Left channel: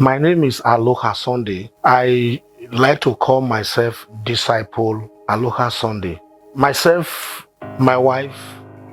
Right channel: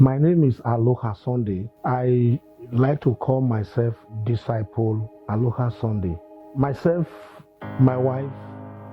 My name is Alokha Sunday. I like to call myself Disciple Alokha Sunday. Myself, my wife,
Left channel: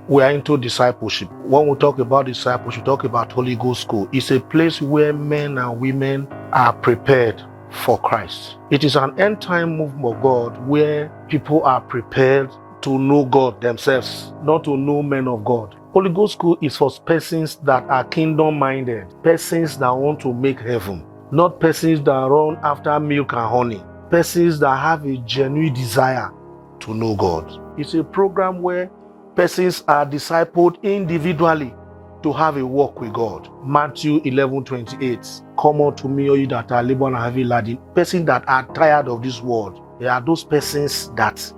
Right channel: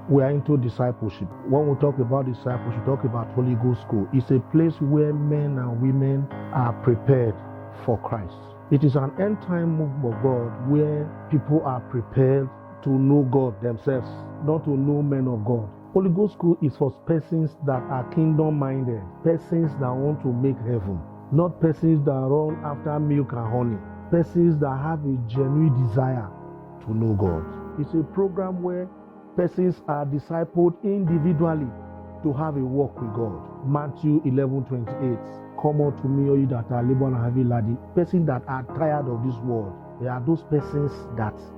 we are into discipleship. When we talk about discipleship, we talk about Holy Ghost School. It's a place where men and women are prepared for Christ. It is an end time movement of God where people are prepared to know God themselves, not to know men of God. Holy Ghost School is for persons that are kingdom-minded, persons that want to make heaven, not persons that run after milk and honey, persons that have a genuine desire to know God. It's a program where persons are discipled individually to have a walk with God. Matthew 11:28. Come unto me, all you that are labor and heavy laden. Persons that are tired of this world. They are those persons that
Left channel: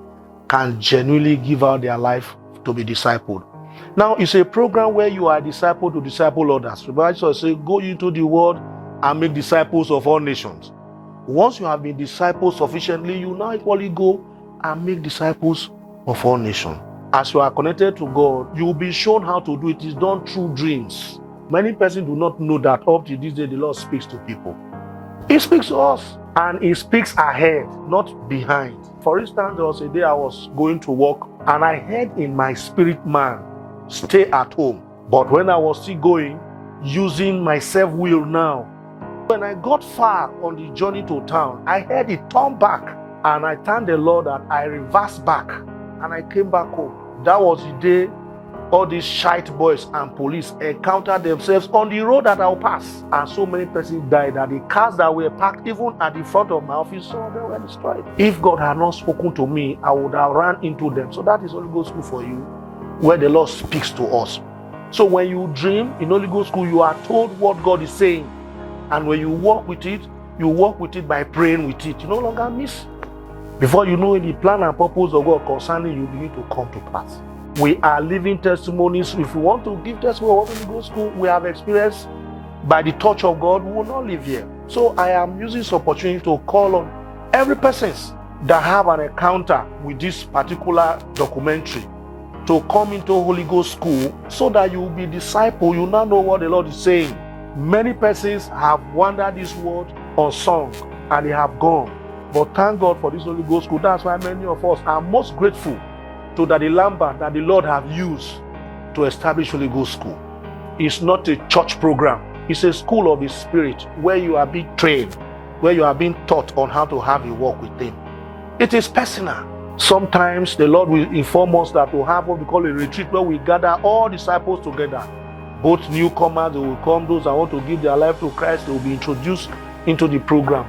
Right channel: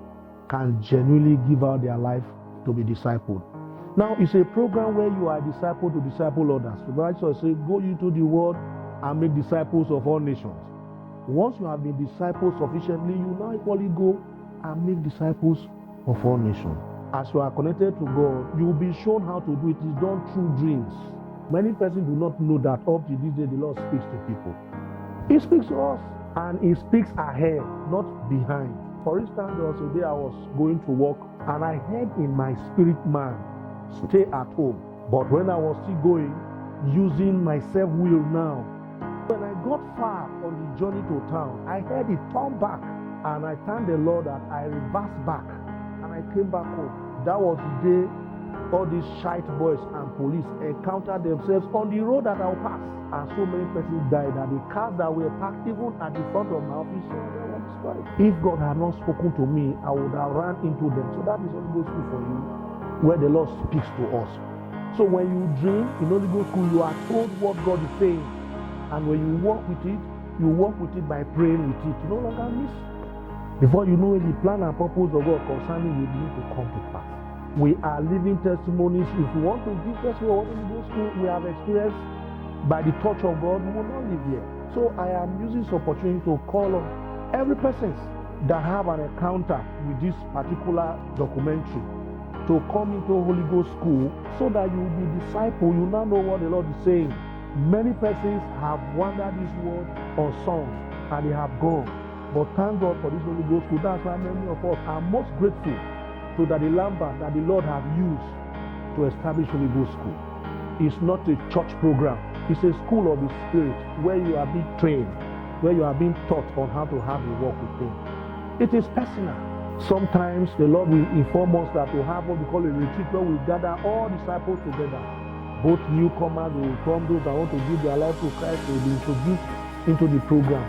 can genuinely give out their life to be discipled. Now, it's a program where you are discipled to disciple others. The Bible says, go into the world and make disciples of all nations. Once you have been discipled sufficiently, you now equally go and make disciples of all nations. As you are connected to God, you will be shown how to do it. It is done through dreams. Many persons do not know that up to this day, the Lord speaks to people. He speaks to us, and He speaks ahead, not behind. For instance, there was a day I was going to work, and I heard in my spirit man, stay at home. But when I was still going, using my self-will now, when I got far on the journey to town, I heard it turn back, and I thanked the Lord that I reversed back, and I came back home. That was the day all these shite boys and police encountered themselves on the road that I'll pass. And so many persons died that the cars that were parked even at the front of my office, so they were destroyed. If God had not spoken to me, I would have run into them. So that is Holy Ghost School for you, where the Lord speaks to us. So when you dream in Holy Ghost School, you are told what God is saying. And when you walk with it, you walk with it by praying with it. You no longer miss. Before you know it, the plan and purpose of God concerning you begin to come to pass. We are living testimonies. If we want to give testimony of what Holy Ghost School we have experienced by the touch of God, we will not live here. So I am using this opportunity to call on every person that have an encounter with this particular documentary to come into Holy Ghost School so that you will be disciple. You now know what the Lord is saying. Many persons have wandered this world unsung and they have gone. But thank God for this Holy Ghost School. That's why many of us are most grateful to the Lambert that the Lord have used to establish Holy Ghost School. It's not a church program. It's a school of the Spirit where you are being trained, where you are being taught on how to have a walk with Him. It is personal. Sometimes the Lord will inform us that we'll have what we call a retreat where we gather all disciples together. Both newcomers, they will come, those that want to give their life to Christ, they will be introduced into the program.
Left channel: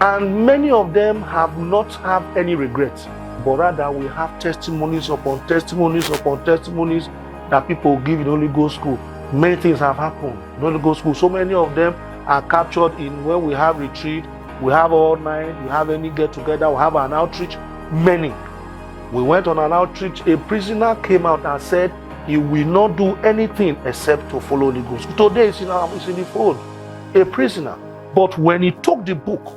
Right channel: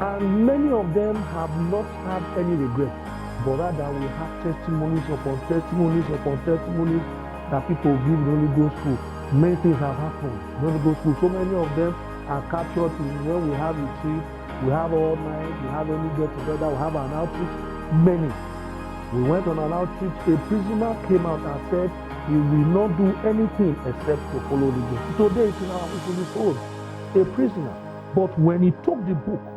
And many of them have not had any regrets, but rather we have testimonies upon testimonies upon testimonies that people give in Holy Ghost School. Many things have happened in Holy Ghost School. So many of them are captured in when we have retreat, we have all night, we have any get together, we have an outreach. Many. We went on an outreach. A prisoner came out and said he will not do anything except to follow the Ghost. Today it's in the phone. A prisoner. But when he took the book,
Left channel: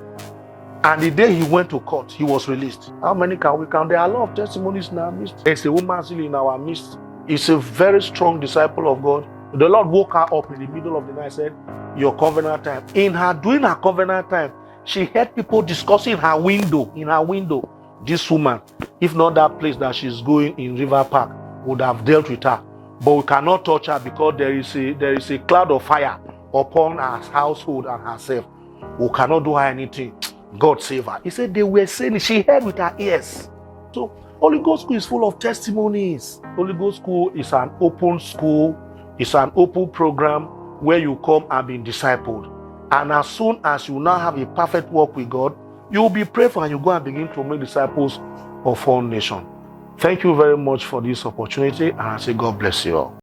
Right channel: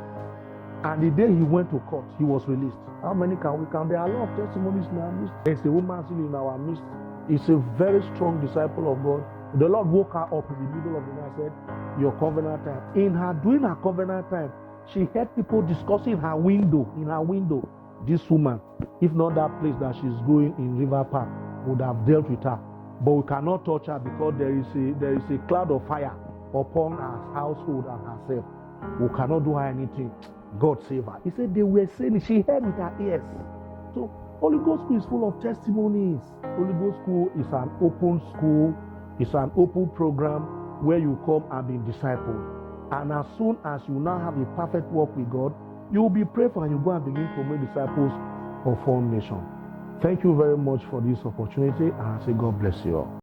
and the day he went to court, he was released. How many can we count? There are a lot of testimonies in our midst. There's a woman still in our midst. It's a very strong disciple of God. The Lord woke her up in the middle of the night and said, your covenant time. In her doing her covenant time, she heard people discussing in her window. This woman, if not that place that she's going in River Park, would have dealt with her. But we cannot touch her because there is a cloud of fire upon her household and herself. We cannot do her anything. God save her. He said they were saying it. She heard with her ears. So Holy Ghost School is full of testimonies. Holy Ghost School is an open school. It's an open program where you come and be discipled. And as soon as you now have a perfect walk with God, you will be prayed for and you go and begin to make disciples of all nations. Thank you very much for this opportunity, and I say God bless you all.